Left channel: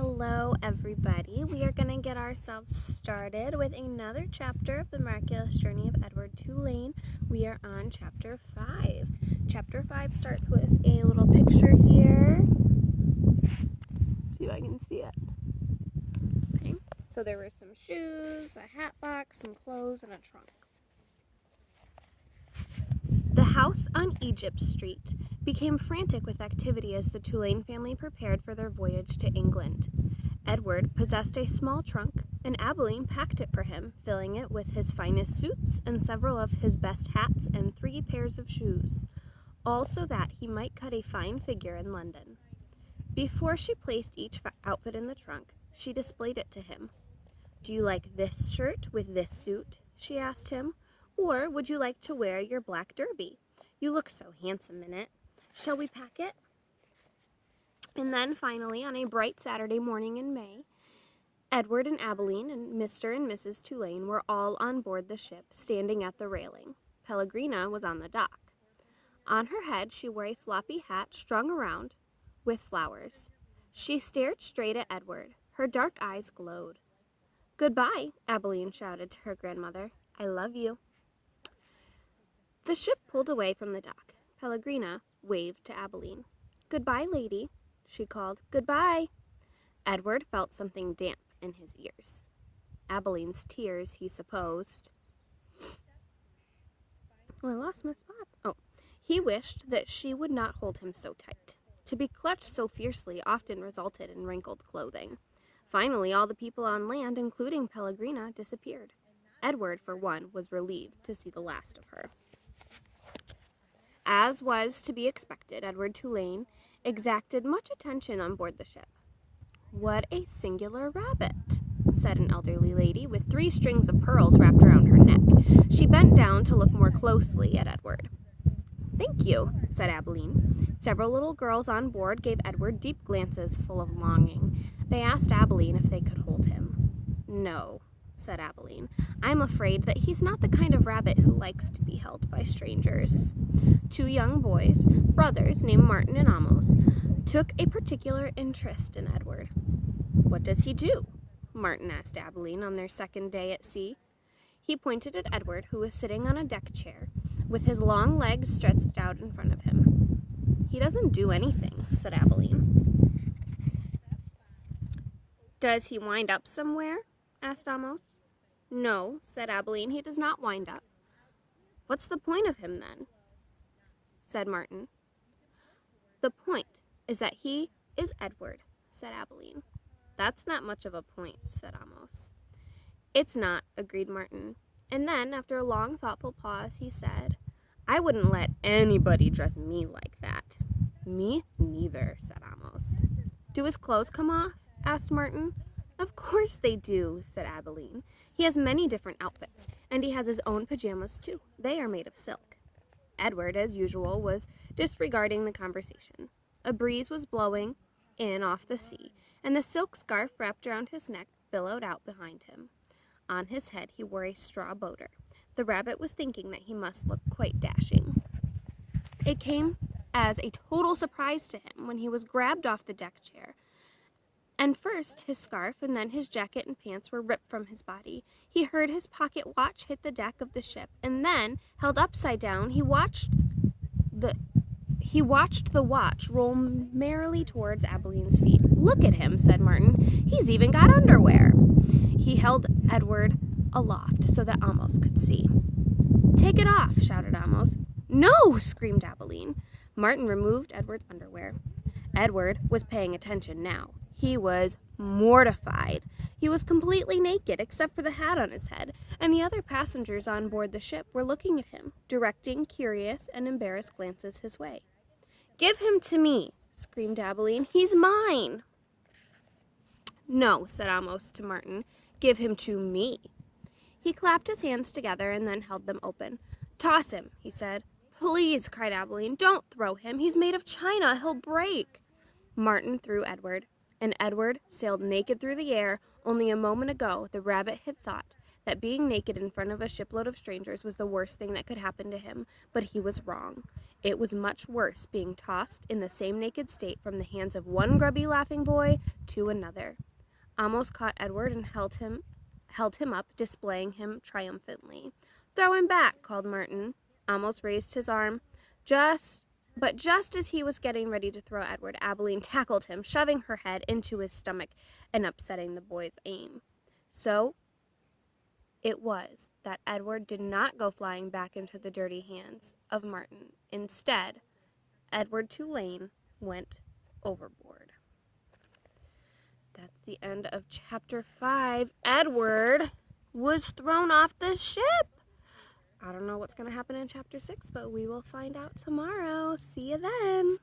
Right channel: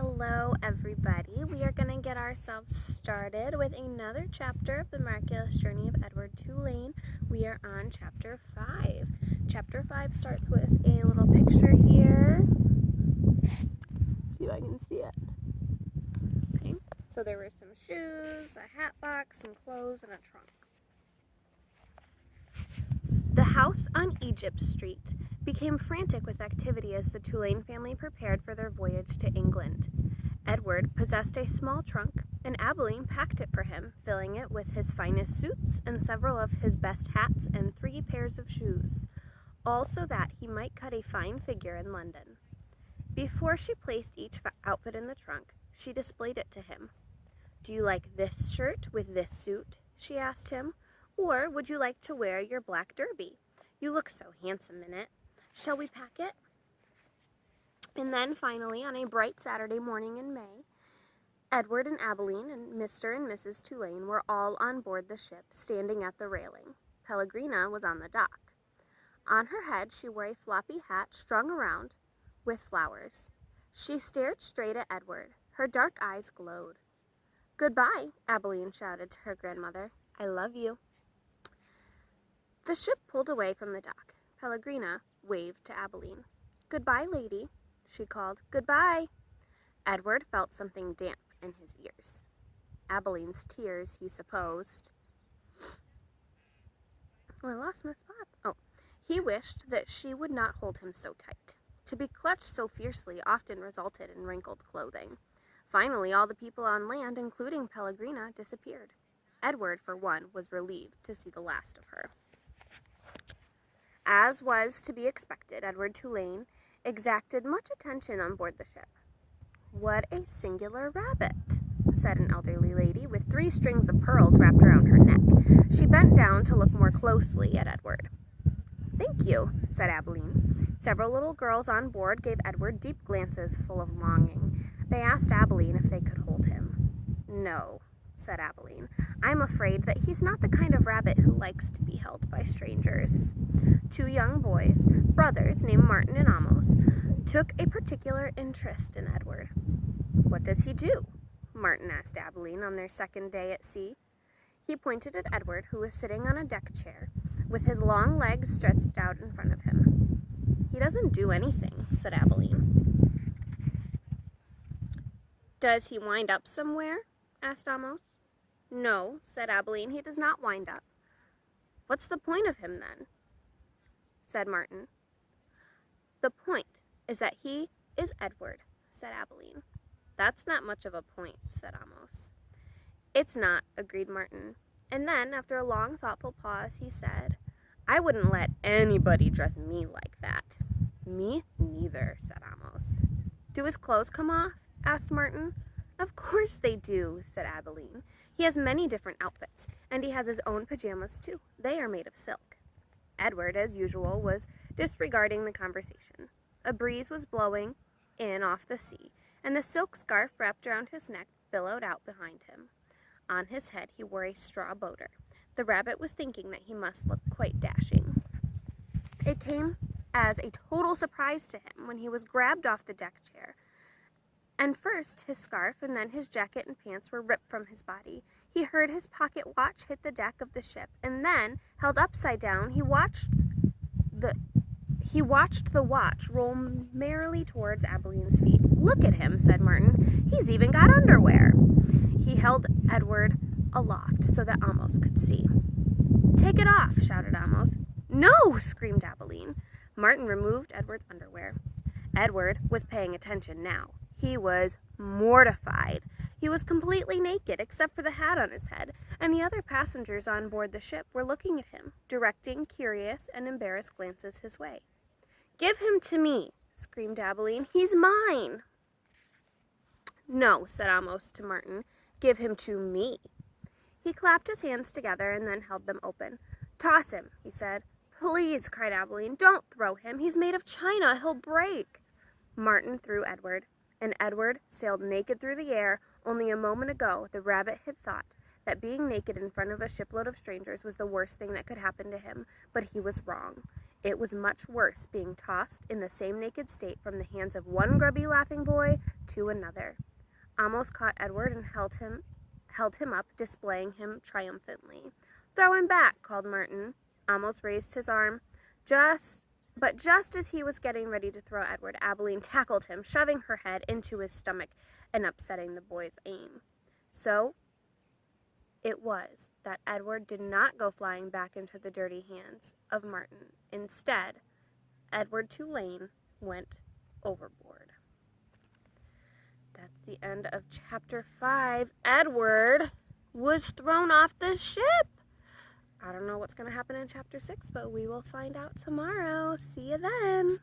Hello everybody. We are going to get ourselves started with another chapter of the Miraculous Journey of Edward Tulane. We are on chapter 5. Chapter 5 starts with a little picture here. See if I can see it. Okay. So there were some shoes, a hat box, some clothes, and a trunk. The house on Egypt Street became frantic with activity as the Tulane family prepared for their voyage to England. Edward possessed a small trunk, and Ibatoulline packed it for him, filling it with his finest suits and several of his best hats and 3 pairs of shoes, all so that he might cut a fine figure in London. Before she placed each outfit in the trunk, she displayed it to him. "Do you like this shirt with this suit?" she asked him. "Or would you like to wear your black derby? You look so handsome in it. Shall we pack it?" And then finally, on a bright Saturday morning in May, Edward and Ibatoulline and Mr. and Mrs. Tulane were all on board the ship, standing at the railing. Pellegrina was on the dock. On her head she wore a floppy hat strung around with flowers. She stared straight at Edward. Her dark eyes glowed. "Goodbye," Ibatoulline shouted to her grandmother. "I love you." The ship pulled away from the dock. Pellegrina waved to Ibatoulline. "Goodbye, lady," she called. "Goodbye." Edward felt something damp in his ears. Ibatoulline's tears, he supposed. Oh, I lost my spot. Oh, he wished that she would not hold him so tight. To be clutched so fiercely often resulted in wrinkled clothing. Finally, all the people on land, including Pellegrina, disappeared. Edward, for one, was relieved to see the last of her. As was to be expected, Edward Tulane exacted much attention on board the ship. "What a singular rabbit," said an elderly lady with 3 strings of pearls wrapped around her neck. She bent down to look more closely at Edward. "Thank you," said Ibatoulline. Several little girls on board gave Edward deep glances full of longing. They asked Ibatoulline if they could hold him. "No," said Ibatoulline. "I'm afraid that he's not the kind of rabbit who likes to be held by strangers." 2 young boys, brothers named Martin and Amos, took a particular interest in Edward. "What does he do?" Martin asked Ibatoulline on their second day at sea. He pointed at Edward, who was sitting on a deck chair, with his long legs stretched out in front of him. "He doesn't do anything," said Ibatoulline. "Does he wind up somewhere?" asked Amos. "No," said Ibatoulline, "he does not wind up." "What's the point of him, then?" said Martin. "The point is that he is Edward," said Ibatoulline. "That's not much of a point," said Amos. "It's not," agreed Martin. And then, after a long, thoughtful pause, he said, "I wouldn't let anybody dress me like that." "Me neither," said Amos. "Do his clothes come off?" asked Martin. "Of course they do," said Ibatoulline. "He has many different outfits, and he has his own pajamas, too. They are made of silk." Edward, as usual, was disregarding the conversation. A breeze was blowing in off the sea, and the silk scarf wrapped around his neck billowed out behind him. On his head he wore a straw boater. The rabbit was thinking that he must look quite dashing. It came as a total surprise to him when he was grabbed off the deck chair. And first his scarf and then his jacket and pants were ripped from his body. He heard his pocket watch hit the deck of the ship, and then, held upside down, he watched the watch roll merrily towards Ibatoulline's feet. "Look at him," said Martin. "He's even got underwear." He held Edward aloft so that Amos could see. "Take it off," shouted Amos. "No!" screamed Ibatoulline. Martin removed Edward's underwear. Edward was paying attention now. He was mortified. He was completely naked except for the hat on his head, and the other passengers on board the ship were looking at him, directing curious and embarrassed glances his way. "Give him to me," screamed Ibatoulline. "He's mine." "No," said Amos to Martin. "Give him to me." He clapped his hands together and then held them open. "Toss him," he said. "Please," cried Ibatoulline. "Don't throw him. He's made of china. He'll break." Martin threw Edward, and Edward sailed naked through the air. Only a moment ago the rabbit had thought that being naked in front of a shipload of strangers was the worst thing that could happen to him, but he was wrong. It was much worse being tossed in the same naked state from the hands of one grubby laughing boy to another. Amos caught Edward and held him up, displaying him triumphantly. "Throw him back," called Martin. Amos raised his arm. But just as he was getting ready to throw Edward, Abilene tackled him, shoving her head into his stomach and upsetting the boy's aim. So it was that Edward did not go flying back into the dirty hands of Martin. Instead, Edward Tulane went overboard. That's the end of chapter 5. Edward was thrown off the ship. I don't know what's going to happen in chapter 6, but we will find out tomorrow. See you then.